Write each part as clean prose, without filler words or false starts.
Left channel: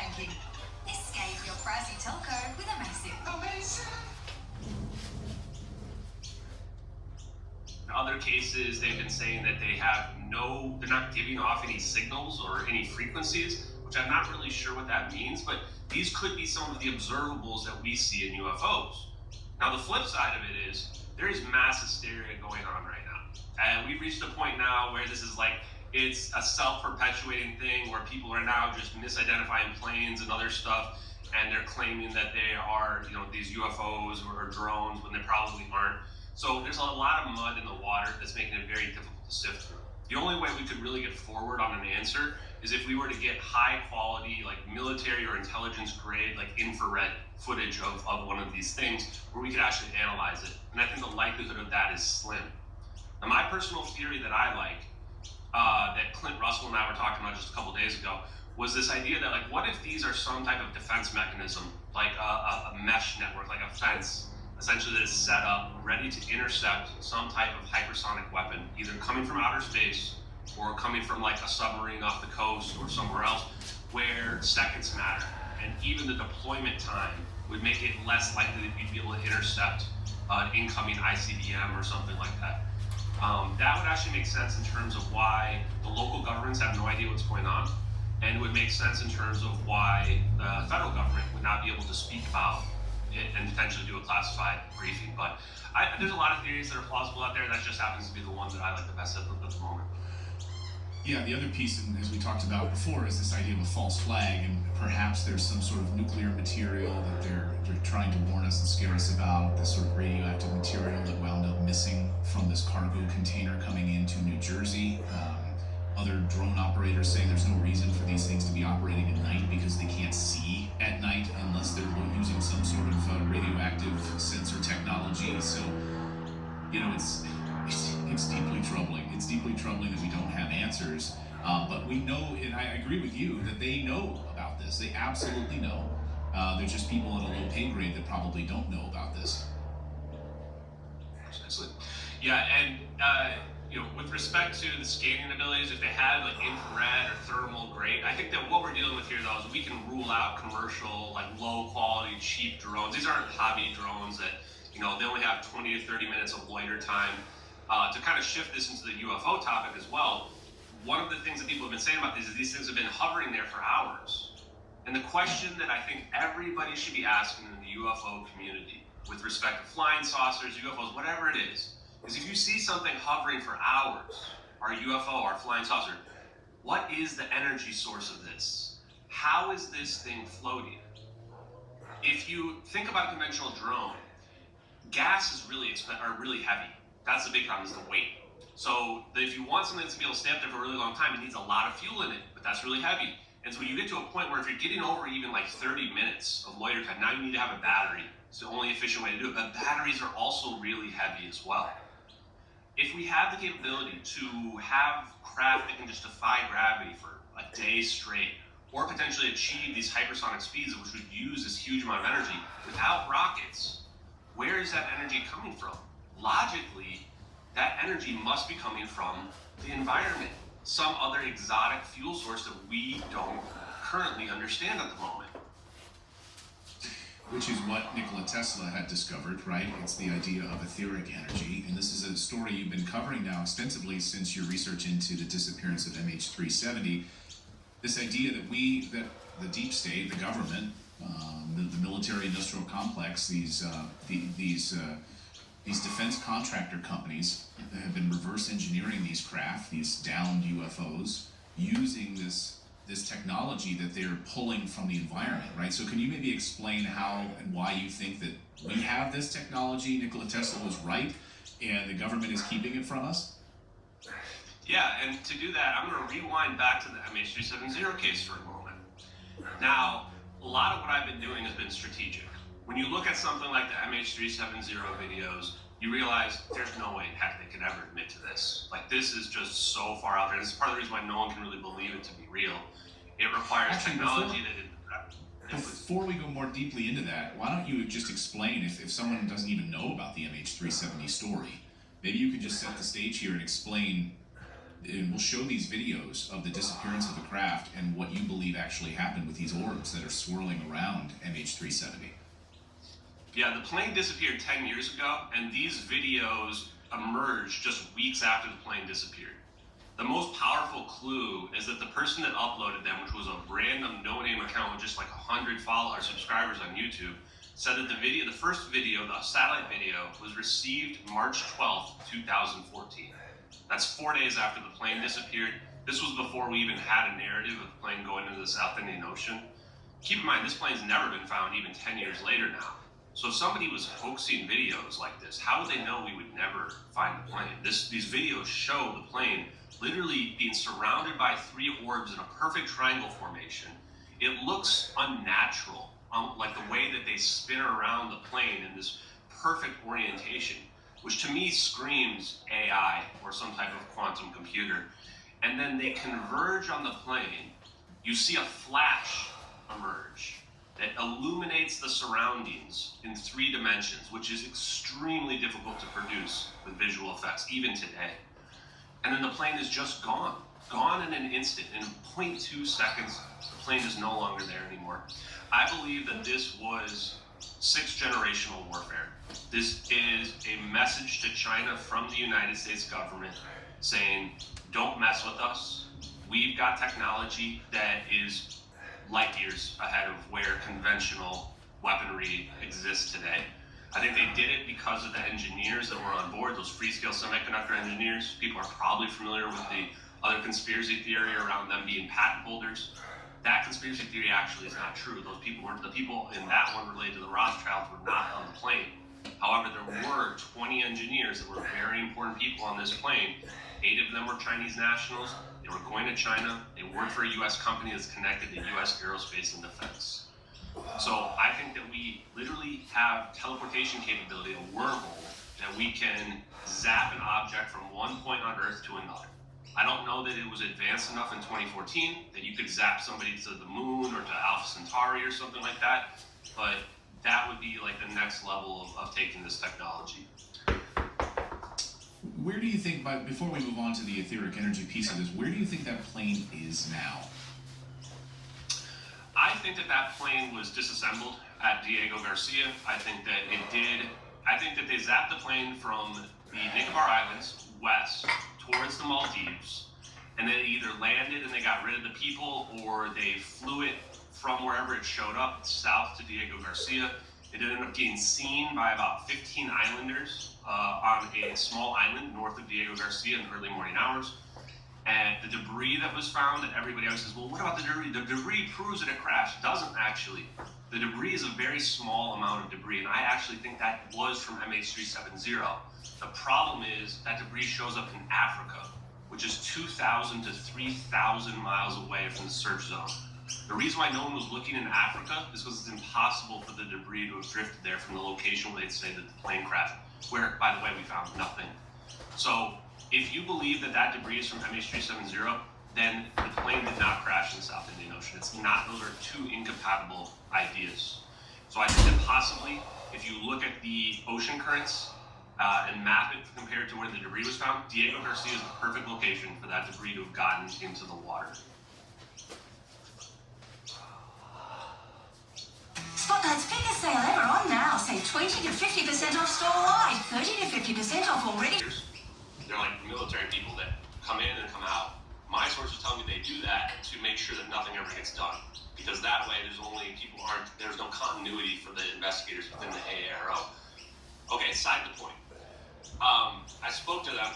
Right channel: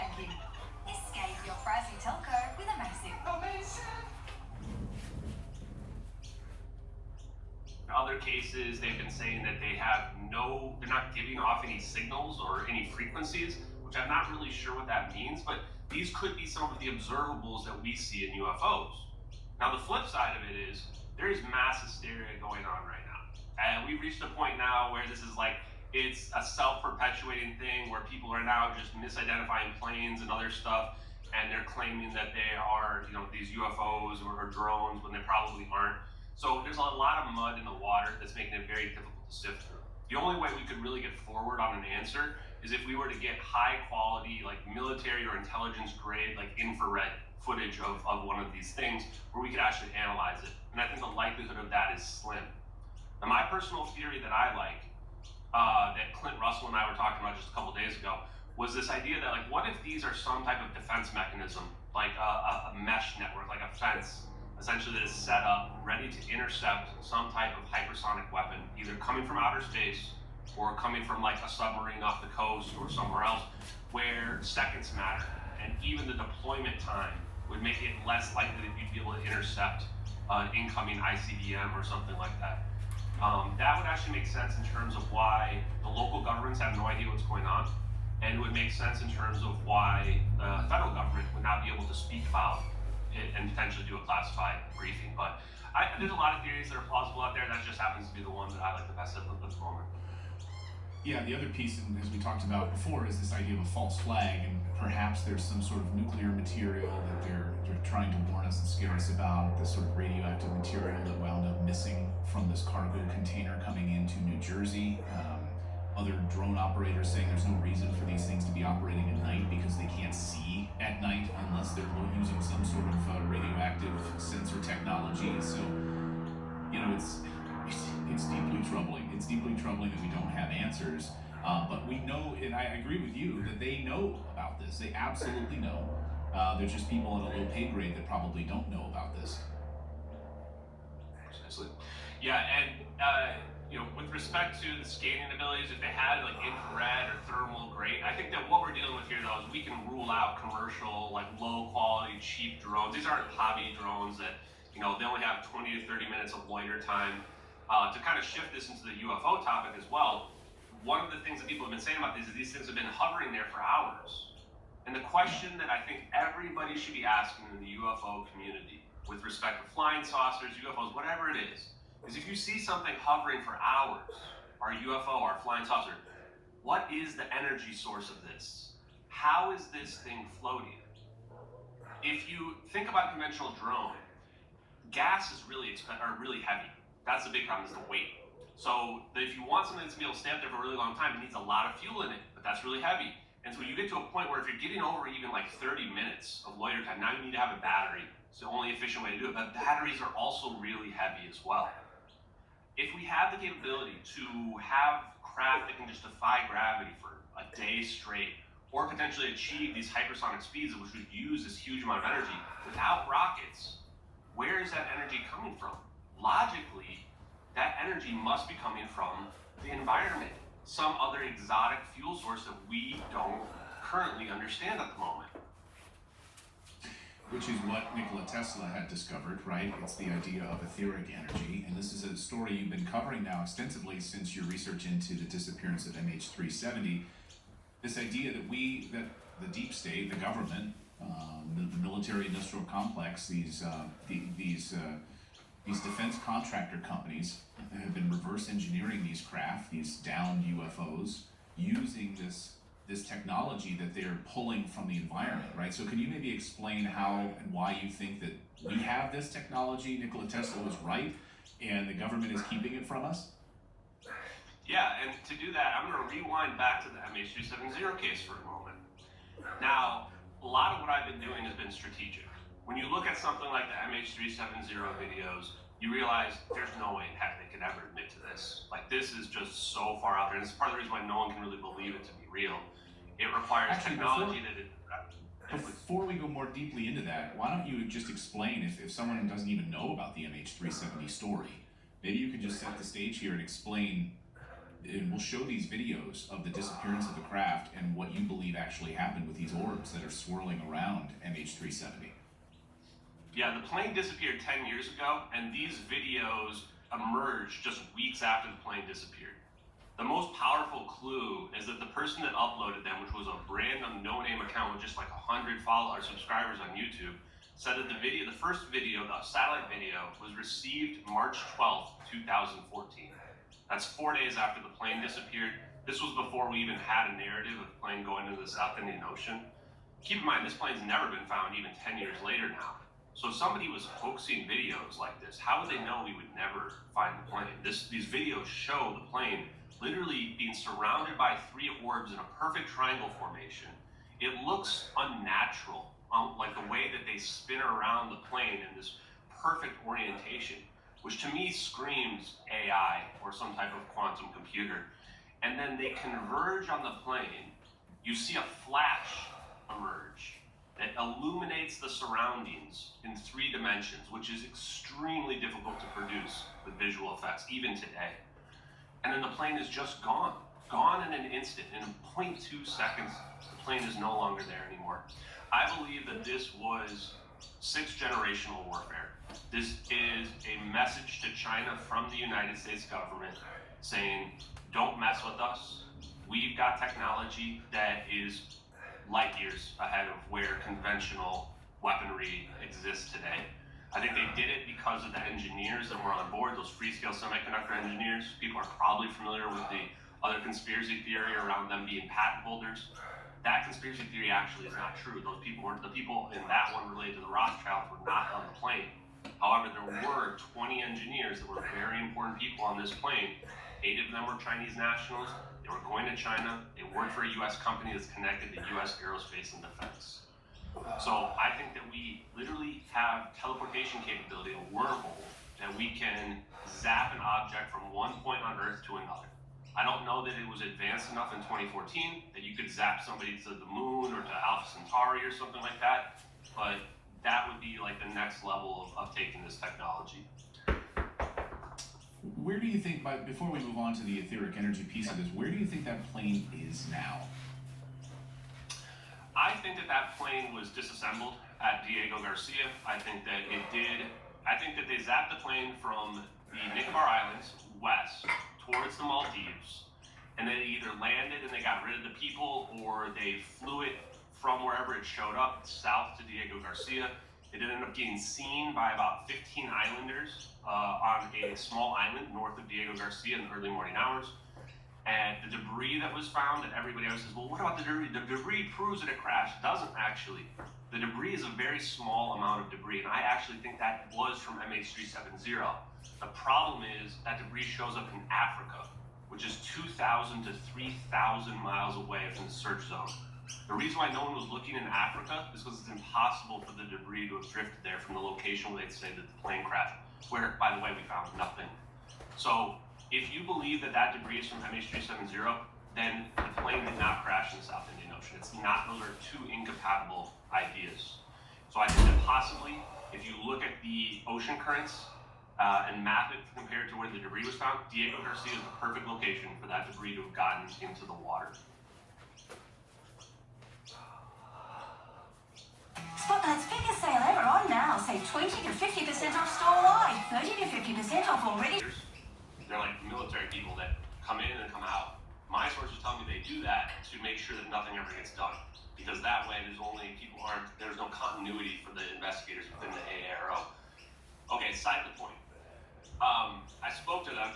thank you. Escape your pricey telco with Amazing. In other cases, they've been saying that they're not giving off any signals or any frequencies, which I'm not really sure what that means, but these could be some of the observables that we see in UFOs. Now, the flip side of it is there is mass hysteria going on right now. And we've reached a point now where this is like, it's a self-perpetuating thing where people are now just misidentifying planes and other stuff, and they're claiming that they are, these UFOs or drones when they probably aren't. So there's a lot of mud in the water that's making it very difficult to sift through. The only way we could really get forward on an answer is if we were to get high quality, like military or intelligence grade, like infrared footage of one of these things where we could actually analyze it. And I think the likelihood of that is slim. Now, my personal theory that I like, that Clint Russell and I were talking about just a couple days ago, was this idea that, like, what if these are some type of defense mechanism, like a mesh network, like a fence, essentially that is set up, ready to intercept some type of hypersonic weapon, either coming from outer space or coming from like a submarine off the coast or somewhere else, where seconds matter, and even the deployment time would make it less likely that you'd be able to intercept an incoming ICBM or something like that. That would actually make sense in terms of why the local governments have no idea what's going on, and it would make sense in terms of why the federal government would not be able to speak about it and potentially do a classified briefing. But there's a lot of theories that are plausible out there. That just happens to be the one that I like the best at the moment. Yeah, the other piece, and as we talked about before, is this idea of a false flag, and perhaps there's some sort of nuclear material that they're trying to warn us and scare us about, this sort of radioactive material that wound up missing from this cargo container coming into New Jersey. Other drone operators saying there's no reason for these things to be operating at night because they can't see at night unless they're using some sort of radioactive sensor technology. So, it's deeply troubling. It's deeply troubling that we don't have answers. But we know, and I agree with you, that they know about this. They absolutely know. There's just people at a low pay grade that probably don't know about this. Precisely. Yeah, and with respect to the scanning abilities, if they had like infrared or thermal, great. I think that what we're dealing with here, though, is we can rule out commercial, like low quality, cheap drones. These aren't hobby drones that, they only have 20 to 30 minutes of loiter time. To kind of shift this into the UFO topic as well, one of the things that people have been saying about these is these things have been hovering there for hours. And the question that I think everybody should be asking in the UFO community with respect to flying saucers, UFOs, whatever it is if you see something hovering for hours, our UFO, our flying saucer, what is the energy source of this? How is this thing floating? If you think about a conventional drone, gas is really heavy. That's the big problem, is the weight. So if you want something that's going to be able to stay up there for a really long time, it needs a lot of fuel in it, but that's really heavy. And so when you get to a point where if you're getting over even like 30 minutes of loiter time, now you need to have a battery. It's the only efficient way to do it. But batteries are also really heavy as well. If we have the capability to have craft that can just defy gravity for a day straight, or potentially achieve these hypersonic speeds, which would use this huge amount of energy without rockets, where is that energy coming from? Logically, that energy must be coming from the environment, some other exotic fuel source that we don't currently understand at the moment. Which is what Nikola Tesla had discovered, right? It's the idea of etheric energy. And this is a story you've been covering now extensively since your research into the disappearance of MH370. This idea that the deep state, the government, the military-industrial complex, these defense contractor companies have been reverse engineering these craft, these downed UFOs, using this technology that they're pulling from the environment, right? So can you maybe explain how and why you think that we have this technology, Nikola Tesla was right, and the government is keeping it from us? Yeah, and to do that, I'm going to rewind back to the MH370 case for a moment. Now, a lot of what I've been doing has been strategic. When you look at something like the MH370 videos, you realize there's no way in heck they can ever admit to this. Like, this is just so far out there, and it's part of the reason why no one can really believe it to be real. It requires technology Before we go more deeply into that, why don't you just explain, if someone doesn't even know about the MH370 story, maybe you could just set the stage here and explain, and we'll show these videos of the disappearance of the craft and what you believe believe actually happened with these orbs that are swirling around MH370. Yeah, the plane disappeared 10 years ago, and these videos emerged just weeks after the plane disappeared. The most powerful clue is that the person that uploaded them, which was a random no-name account with just like 100 followers, subscribers on YouTube, said that the first video, the satellite video, was received March 12th, 2014. That's 4 days after the plane disappeared. This was before we even had a narrative of the plane going into the South Indian Ocean. Keep in mind, this plane's never been found even 10 years later now. So if somebody was hoaxing videos like this, how would they know we would never find the plane? These videos show the plane literally being surrounded by 3 orbs in a perfect triangle formation. It looks unnatural, like the way that they spin around the plane in this perfect orientation, which to me screams AI or some type of quantum computer. And then they converge on the plane. You see a flash emerge that illuminates the surroundings in 3 dimensions, which is extremely difficult to produce with visual effects, even today. And then the plane is just gone in an instant. In 0.2 seconds, the plane is no longer there anymore. I believe that this was 6th generational warfare. This is a message to China from the United States government saying, don't mess with us. We've got technology that is light years ahead of where conventional weaponry exists today. I think they did it because of the engineers that were on board, those Freescale semiconductor engineers. People are probably familiar with the other conspiracy theory around them being patent holders. That conspiracy theory actually is not true. Those people weren't, the people in that one related to the Rothschilds were not on the plane. However, there were 20 engineers that were very important people on this plane. 8 of them were Chinese nationals. They were going to China. They worked for a U.S. company that's connected to U.S. aerospace and defense. So I think that we literally have teleportation capability, a wormhole, that we can zap an object from one point on Earth to another. I don't know that it was advanced enough in 2014 that you could zap somebody to the moon or to Alpha Centauri or something like that, but that would be like the next level of taking this technology. Where do you think, before we move on to the etheric energy piece of this, where do you think that plane is now? I think that plane was disassembled at Diego Garcia. I think that they zapped the plane from the Nicobar Islands west towards the Maldives, and then it either landed and they got rid of the people, or they flew it from wherever it showed up south to Diego Garcia. It ended up getting seen by about 15 islanders on a small island north of Diego Garcia in the early morning hours. And the debris that was found, that everybody else says, well, what about the debris? The debris proves that it crashed. Doesn't actually. The debris is a very small amount of debris, and I actually think that was from MH370. The problem is that debris shows up in Africa, which is 2,000 to 3,000 miles away from the search zone. The reason why no one was looking in Africa is because it's impossible for the debris to have drifted there from the location where they'd say that the plane crashed, where, by the way, we found nothing. So if you believe that that debris is from MH370, then the plane did not crash in the South Indian Ocean. It's not, those are 2 incompatible ideas. So I think that possibly, if you look at the ocean currents and map it compared to where the debris was found, Diego Garcia is the perfect location for that debris to have gotten into the water. Spotlight's biggest sale ever on now. Save 20 to 50% off store-wide, 30 to 50% off already. They're like military people that come in and come out. My sources tell me they do that to make sure that nothing ever gets done, because that way there's no continuity for the investigators within the AARO. Okay, side to point. I spoke to them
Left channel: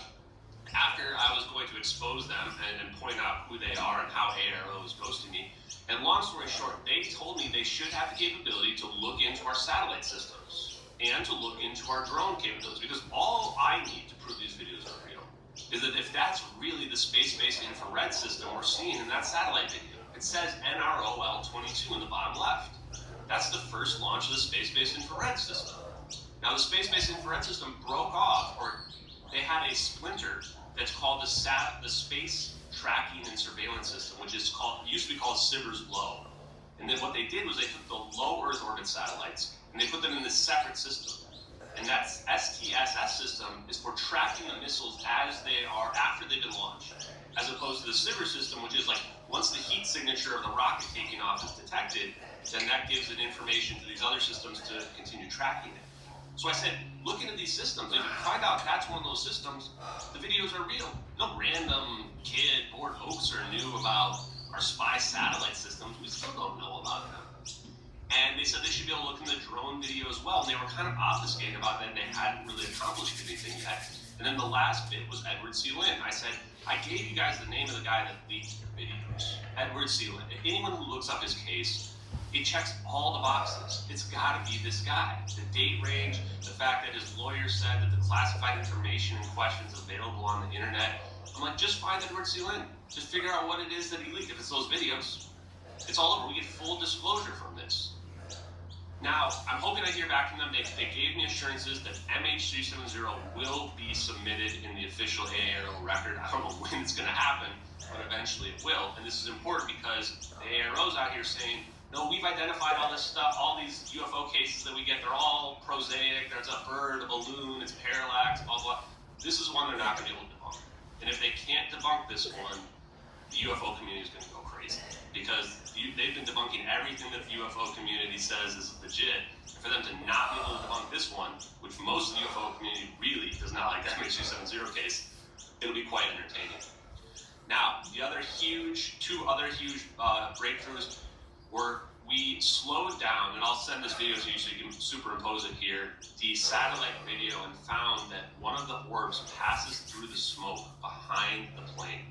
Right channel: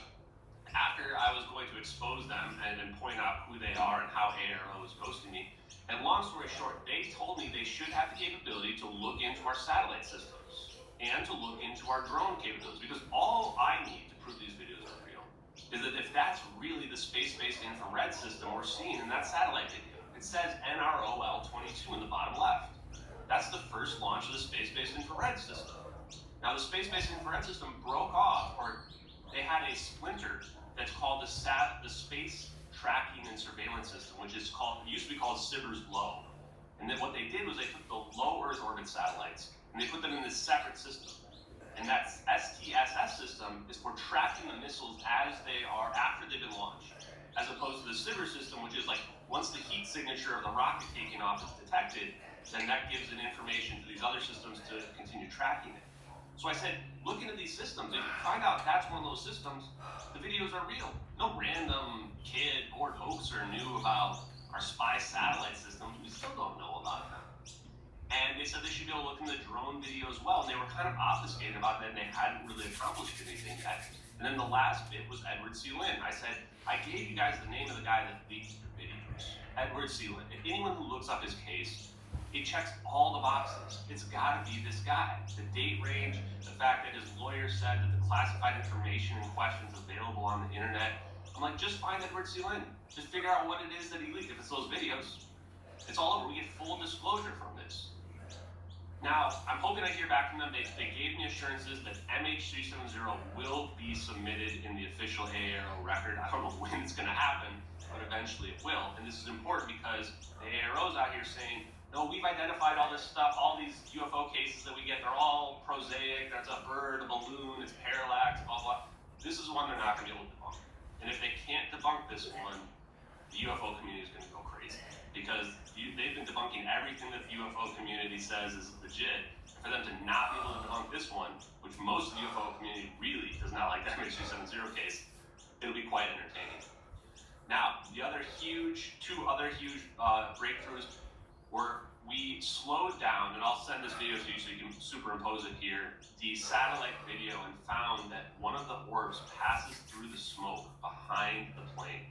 after I was going to expose them and point out who they are and how AARO is ghosting me. And long story short, they told me they should have the capability to look into our satellite systems and to look into our drone capabilities, because all I need to prove these videos are real is that if that's really the space-based infrared system we're seeing in that satellite video, it says NROL-22 in the bottom left. That's the first launch of the space-based infrared system. Now, the space-based infrared system broke off, or they had a splinter that's called the Space Tracking and Surveillance System, which is used to be called SBIRS Low. And then what they did was they took the low Earth orbit satellites and they put them in this separate system. And that STSS system is for tracking the missiles as they are after they've been launched, as opposed to the SBIRS system, which is like Once the heat signature of the rocket taking off is detected, then that gives it information to these other systems to continue tracking it. So I said, look into these systems. If you find out that's one of those systems, the videos are real. No random kid, bored hoaxer knew about our spy satellite systems. We still don't know about them. And they said they should be able to look in the drone video as well. And they were kind of obfuscated about that, and they hadn't really accomplished anything yet. And then the last bit was Edward C. Lin. I said, I gave you guys the name of the guy that leaked your videos. Edward C. Lin. Anyone who looks up his case, it checks all the boxes. It's got to be this guy. The date range, the fact that his lawyer said that the classified information in question is available on the internet. I'm like, just find Edward C. Lin. Just figure out what it is that he leaked. If it's those videos, it's all over. We get full disclosure from this. Now, I'm hoping I hear back from them. They gave me assurances that MH370 will be submitted in the official AARO record. I don't know when it's going to happen, but eventually it will. And this is important because the AARO's out here saying, no, we've identified all this stuff, all these UFO cases that we get, they're all prosaic. There's a bird, a balloon, it's parallax, blah, blah. This is one they're not going to be able to debunk. And if they can't debunk this one, the UFO community is going to go crazy. Because they've been debunking everything that the UFO community says is legit. And for them to not be able to debunk this one, which most of the UFO community really does not like the MH270 case, it'll be quite entertaining. Now, two other huge breakthroughs were we slowed down, and I'll send this video to you so you can superimpose it here, the satellite video, and found that one of the orbs passes through the smoke behind the plane.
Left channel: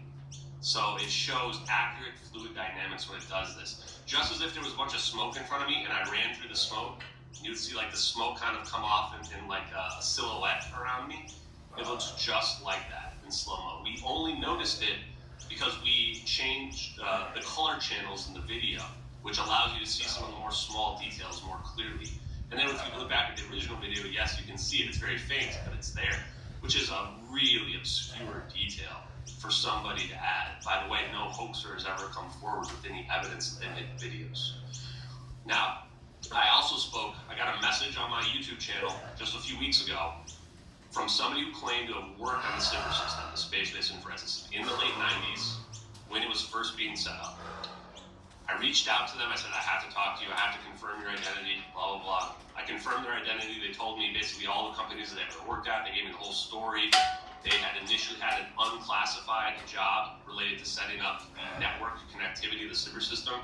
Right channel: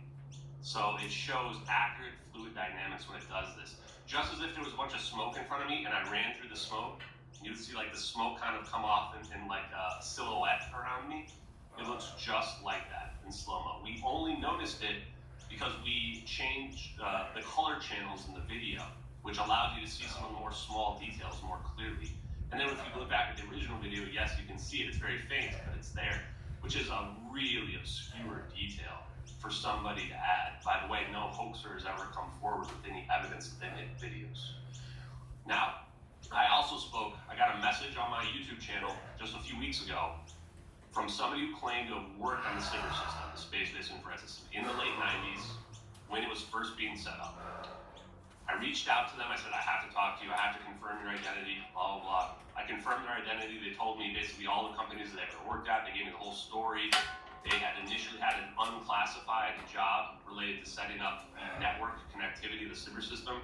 So it shows accurate fluid dynamics when it does this. Just as if there was a bunch of smoke in front of me and I ran through the smoke, you'd see like the smoke kind of come off in like a silhouette around me. It looks just like that in slow-mo. We only noticed it because we changed the color channels in the video, which allows you to see some of the more small details more clearly. And then if you look back at the original video, yes, you can see it. It's very faint, but it's there, which is a really obscure detail for somebody to add. By the way, no hoaxer has ever come forward with any evidence that they made videos. Now, I got a message on my YouTube channel just a few weeks ago from somebody who claimed to have worked on the SIBR system, the space-based infrared system, in the late 90s when it was first being set up. I reached out to them. I said, I have to talk to you. I have to confirm your identity, blah, blah, blah. I confirmed their identity. They told me basically all the companies that they ever worked at. They gave me the whole story. They had initially had an unclassified job related to setting up the network connectivity of the SIBR system.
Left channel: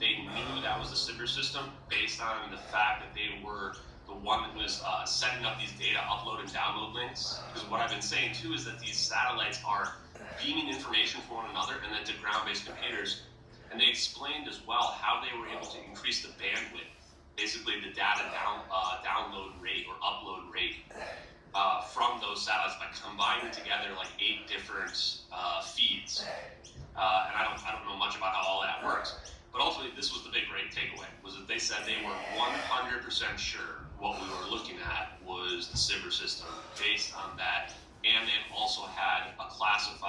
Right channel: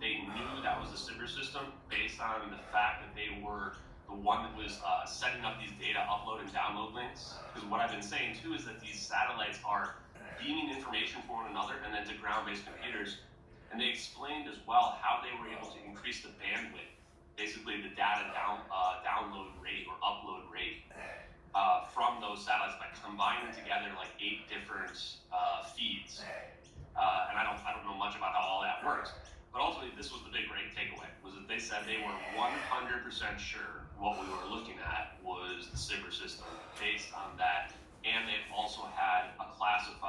They knew that was the SIBR system based on the fact that they were the one that was setting up these data upload and download links. Because what I've been saying too is that these satellites are beaming information from one another and then to ground-based computers. And they explained as well how they were able to increase the bandwidth, basically the data download rate or upload rate from those satellites by combining together like 8 different feeds. And I don't know much about how all that works, but ultimately this was the big great takeaway, was that they said they were 100% sure what we were looking at was the SIBR system based on that, and they also had a classified